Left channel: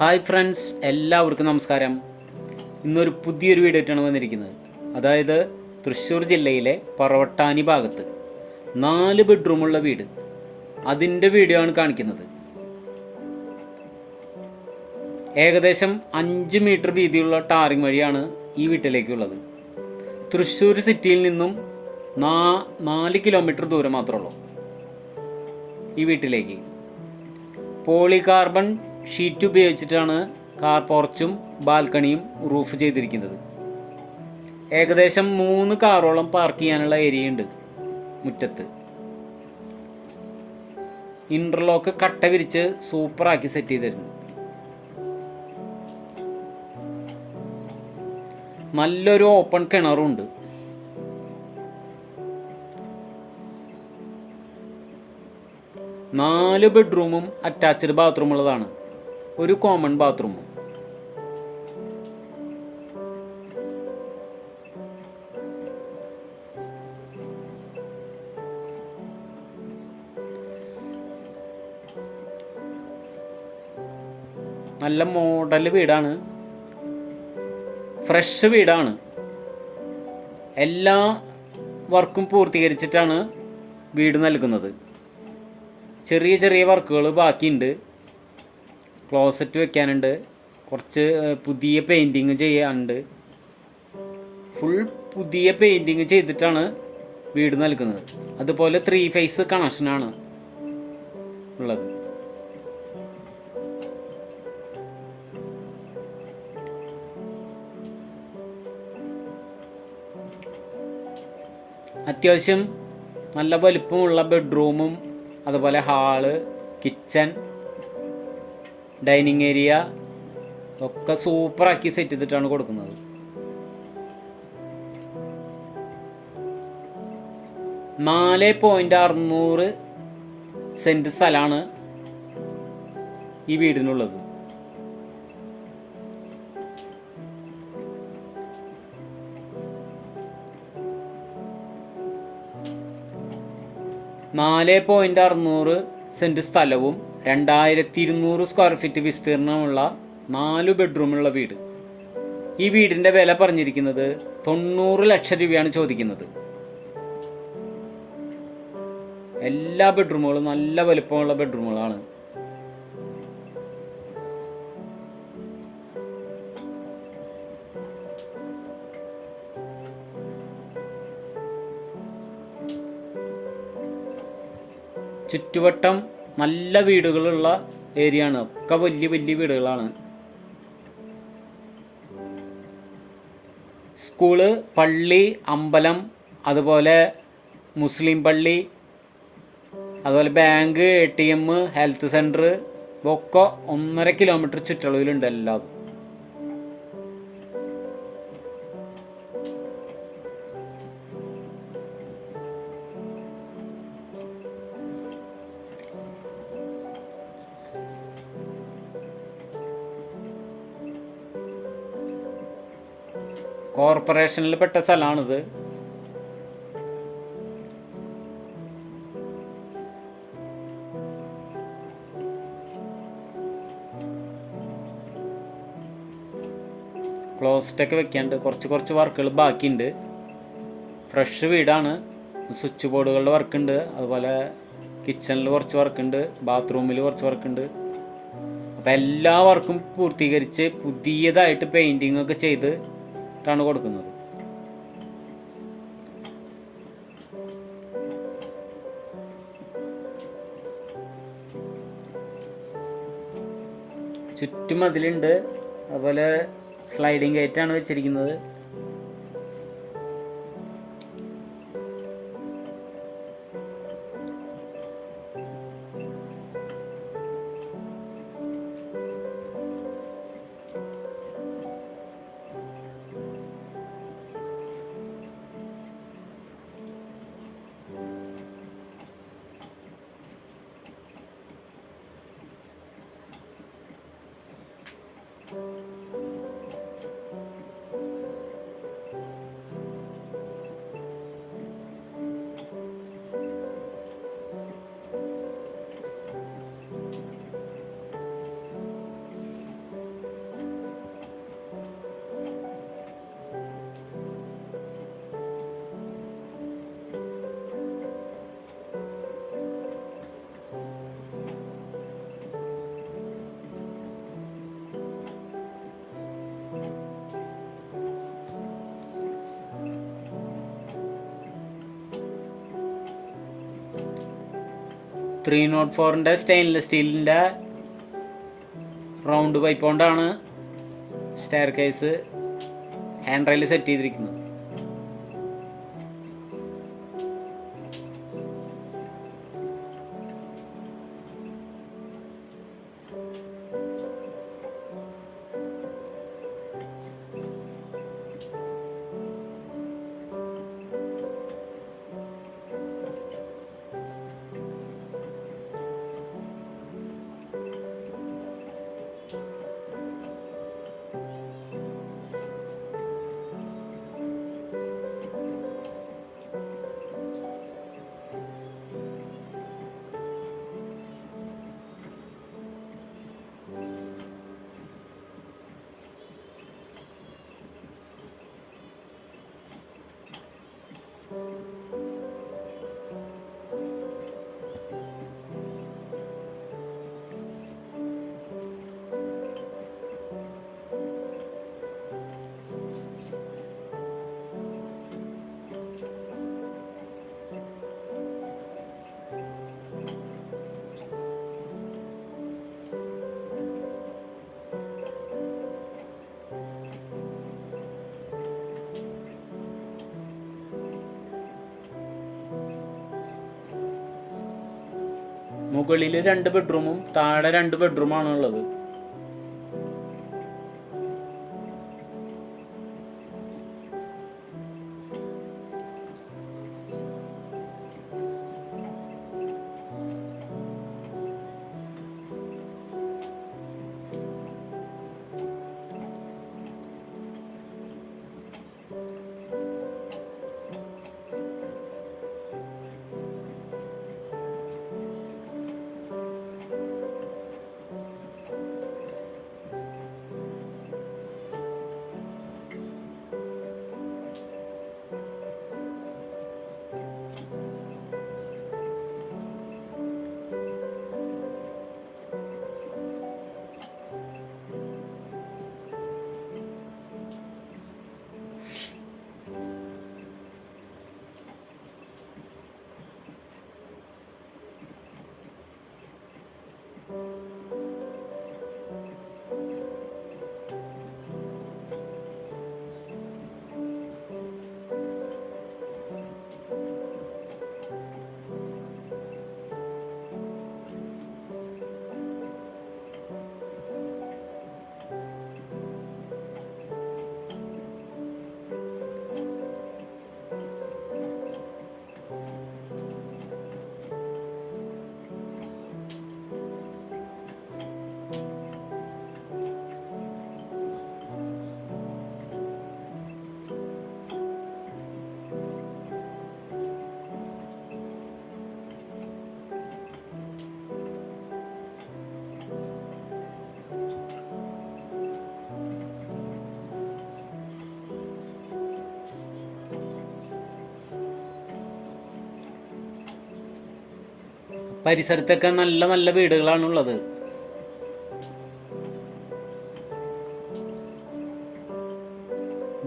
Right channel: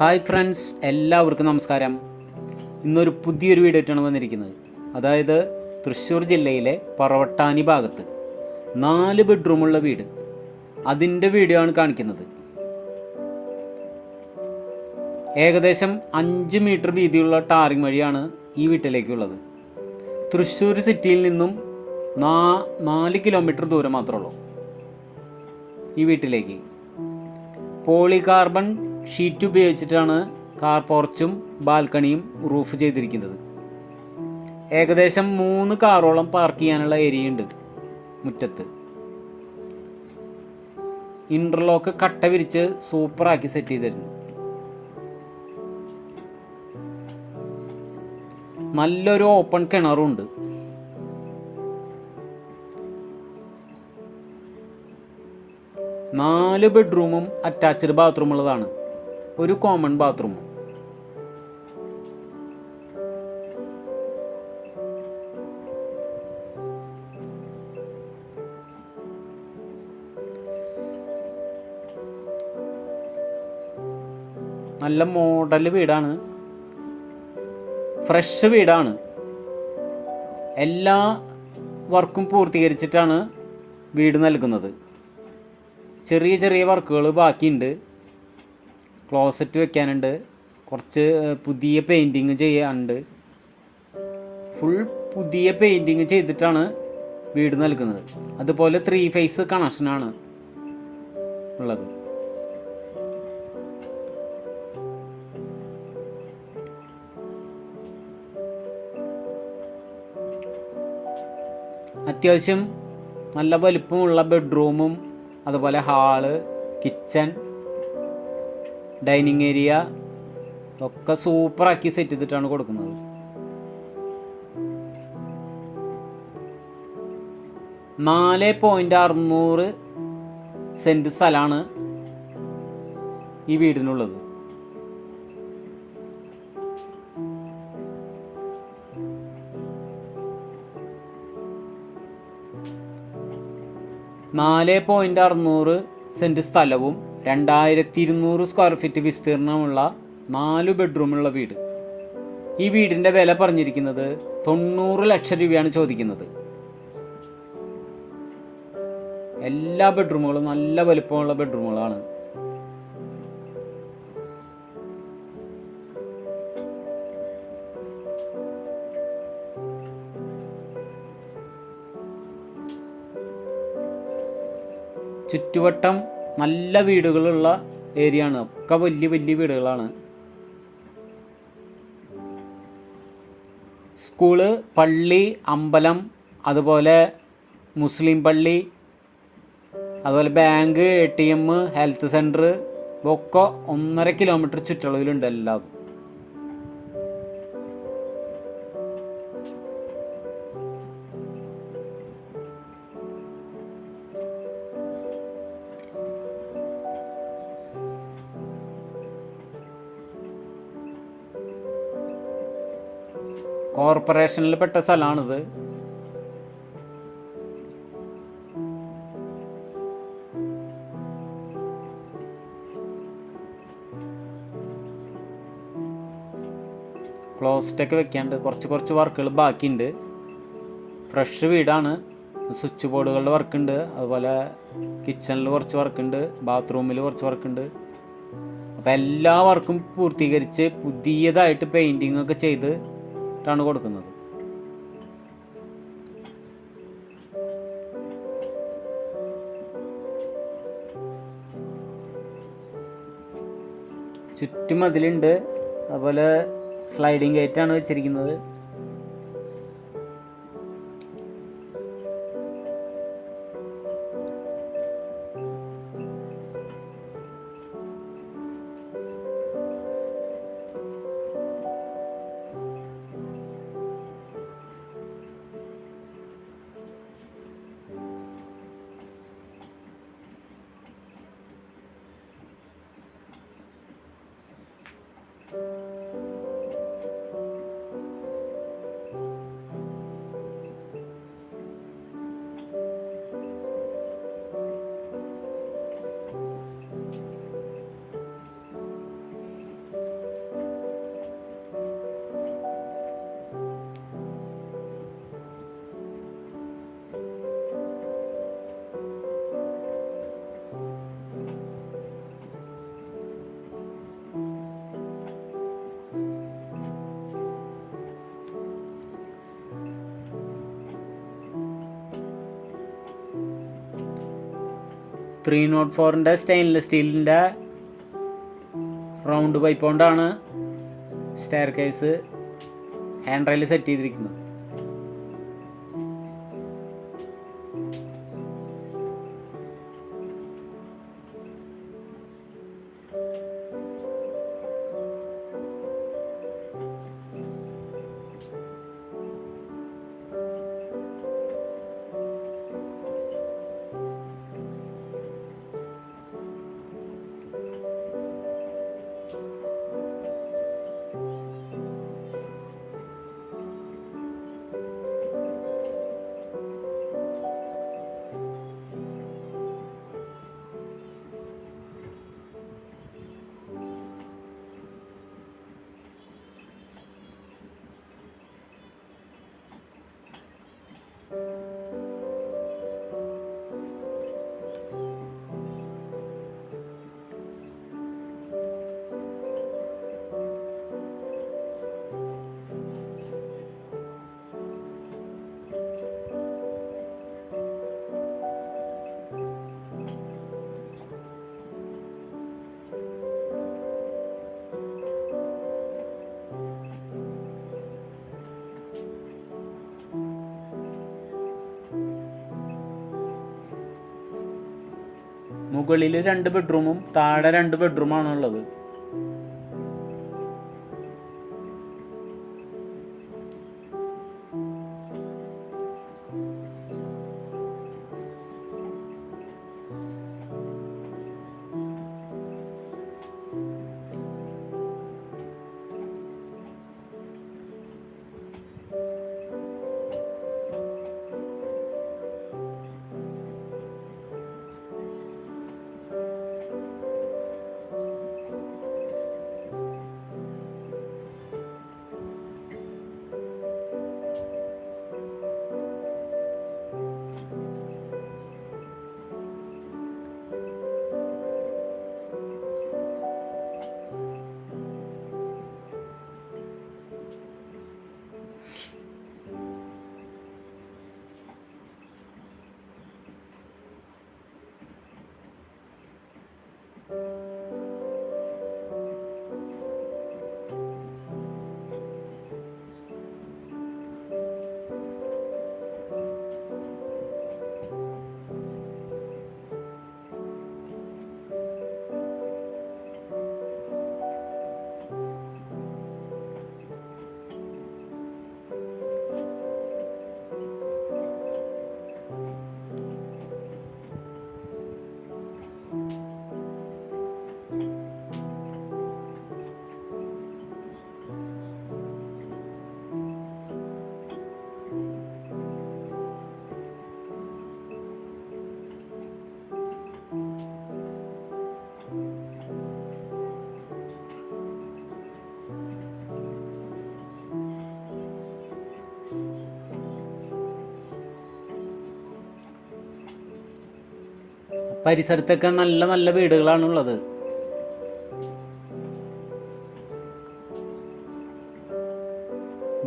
Hi friends, എല്ലാവർക്കും നമസ്കാരം. ഇന്നൊരു പുതിയൊരു വീഡിയോ ആയിട്ടാണ് വന്നിരിക്കുന്നത്. അതായത് തൃശ്ശൂർ ജില്ലയിലെ പറവട്ടാനി ഭാഗത്ത് 4 ബെഡ്റൂമുള്ള വീട്, അതിൻ്റെ വീഡിയോ ആണ് കാണിക്കുന്നത്. ഏകദേശം 5 മീറ്റർ വീതിയുള്ള ടാറിങ് വഴിയാണ് ഈ വീട്ടിലേക്കുള്ളത്. തൃശ്ശൂർ സിറ്റിയിൽ നിന്നും 4 കിലോമീറ്റർ ദൂരം മാത്രമേ ഉള്ളൂ ഈ വീട്ടിലേക്ക്. പോളികാർബൺ ഷീറ്റ് ഉപയോഗിച്ചിട്ടാണ് കാർ പോർച്ചും ബാൽക്കണിയും റൂഫ് ചെയ്തിരിക്കുന്നത്. ഏകദേശം 3 കാറോളം പാർക്ക് ചെയ്യാനുള്ള ഏരിയ ഉണ്ട് മുറ്റത്ത്. ഇൻ്റർലോക്ക് കട്ട വിരിച്ച് സൂപ്പറാക്കി സെറ്റ് ചെയ്തിരുന്നു. നല്ലൊരു ഓപ്പൺ കിണറുണ്ട്. നാല് ബെഡ്റൂമും അറ്റാച്ച്ഡ് ബാത്റൂം ഉള്ളതാണ്, ഒരു കോമൺ ബാത്റൂമും. നല്ല മോഡൽ വീടാണ്, ഫ്രഷ് വീടാണ്. എല്ലാ വർക്കും പൂർത്തീകരിച്ചിട്ടാണ് വീട് നൽകുന്നത്. ചെറിയ ചെറിയ വർക്കുകൾ ബാക്കിയുണ്ട്. ക്ലോസറ്റ് വെക്കാനുണ്ട്, കുറച്ച് പുതിയ പെയിൻറ്റിങ് ചെയ്യാനുണ്ട്. ഫുൾ പുതിയ പെയിൻറ്റിങ് ചെയ്തിട്ടാണ് വീട് നൽകുന്നത്. അതുപോലെ 3 ഫേസ് കണക്ഷനാണ് ഉള്ളത്. അത്യാവശ്യം നല്ല വലിപ്പമുള്ള ബെഡ്റൂമും അതുപോലെ ഹാള്, കിച്ചൺ, ഡൈനിങ് ഏരിയ ഒക്കെ സൂപ്പറാക്കി സെറ്റ് ചെയ്തിട്ടാണ് കൊടുക്കുന്നത്. $4.600 സെൻറ്റ് സ്ഥലമാണ് ഈ വീടിനുള്ളത്. $4.600 സെൻറ്റ് സ്ഥലവും 2200 സ്ക്വയർ ഫീറ്റ് വിസ്തീർണമുള്ള 4 ബെഡ്റൂമുള്ള വീട്. ഈ വീടിൻ്റെ വില പറഞ്ഞിരിക്കുന്നത് 90 ലക്ഷം രൂപയാണ് ചോദിക്കുന്നത്. എല്ലാ ബെഡ്റൂമുകളും നല്ല വലുപ്പമുള്ള ബെഡ്റൂമുകളാണ്. ചുറ്റുവട്ടം നല്ല വീടുകളുള്ള ഏരിയ ആണ്, ഒക്കെ വലിയ വലിയ വീടുകളാണ്. സ്കൂള്, പള്ളി, അമ്പലം, അതുപോലെ മുസ്ലിം പള്ളി, അതുപോലെ ബാങ്ക്, ATM, ഹെൽത്ത് സെൻറ്റർ ഒക്കെ 1.5 കിലോമീറ്റർ ചുറ്റളവിലുണ്ട് എല്ലാം. കോർപ്പറേഷനിൽ പെട്ട സ്ഥലമാണിത്. ക്ലോസ്റ്റൊക്കെ വെക്കാണ്ട് കുറച്ച് വർക്കുകൾ ബാക്കിയുണ്ട്. ഫ്രഷ് വീടാണ്. സ്വിച്ച് ബോർഡുകളുടെ വർക്കുണ്ട്, അതുപോലെ കിച്ചണിൽ കുറച്ച് വർക്കുണ്ട്, ബാത്റൂമിൽ കുറച്ച് വർക്കുണ്ട്. അപ്പോൾ എല്ലാ വർക്കും പൂർത്തീകരിച്ച് പുതിയതായിട്ട് പെയിൻറ്റിങ് ഒക്കെ ചെയ്തിട്ടാണ് കൊടുക്കുന്നത്. ചുറ്റും മതിലുണ്ട്, അതുപോലെ സ്ലൈഡിങ് ഗേറ്റാണ് വെച്ചിരിക്കുന്നത്. 304-ൻ്റെ സ്റ്റെയിൻലെസ് സ്റ്റീലിൻ്റെ റൗണ്ട് പൈപ്പ് കൊണ്ടാണ് stair case hand rail set ചെയ്തിരിക്കുന്നത്. മുകളിൽ 2 ബെഡ്റൂമും താഴെ 2 ബെഡ്റൂമാണ് ഉള്ളത്. പരിസരത്തൊക്കെ നല്ല നല്ല വീടുകളാണുള്ളത്.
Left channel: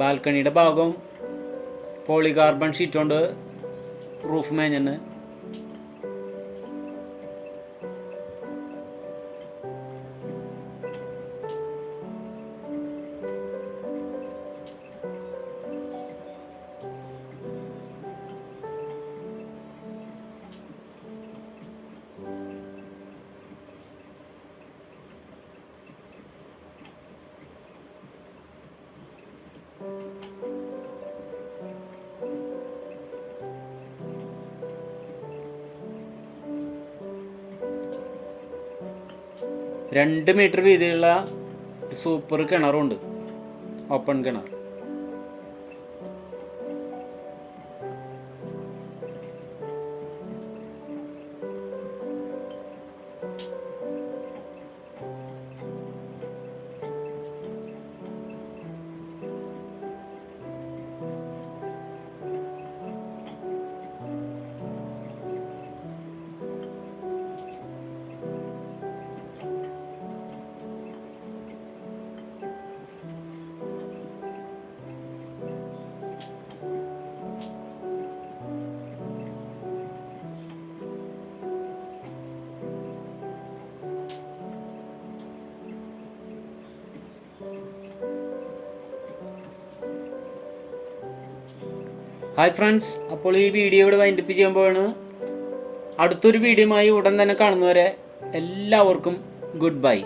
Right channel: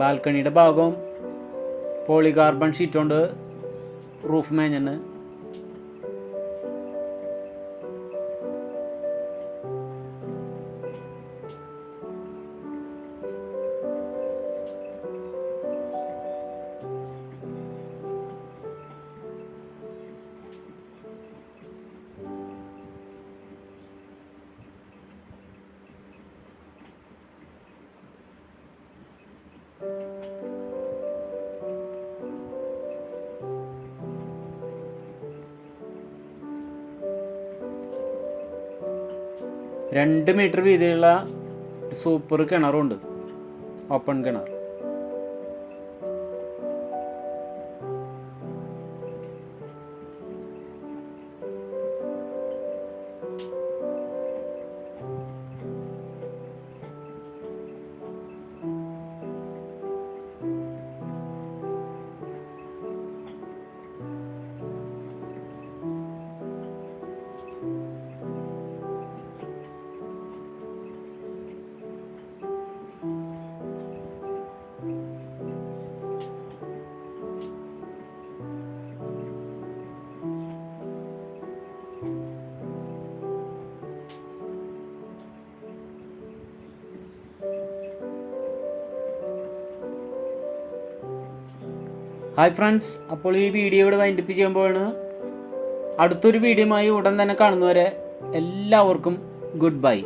ബാൽക്കണിയുടെ ഭാഗം പോളികാർബൺ ഷീറ്റ് കൊണ്ട് റൂഫ് മേഞ്ഞണ്. രണ്ട് മീറ്റർ വീതിയുള്ള സൂപ്പർ കിണറുണ്ട്, ഓപ്പൺ കിണർ. ഹായ് ഫ്രണ്ട്സ്, അപ്പോൾ ഈ വീഡിയോ ഇവിടെ വൈൻഡപ്പ് ചെയ്യുമ്പോഴാണ് അടുത്തൊരു വീഡിയോയുമായി ഉടൻ തന്നെ കാണുന്നവരെ എല്ലാവർക്കും ഗുഡ് ബൈ.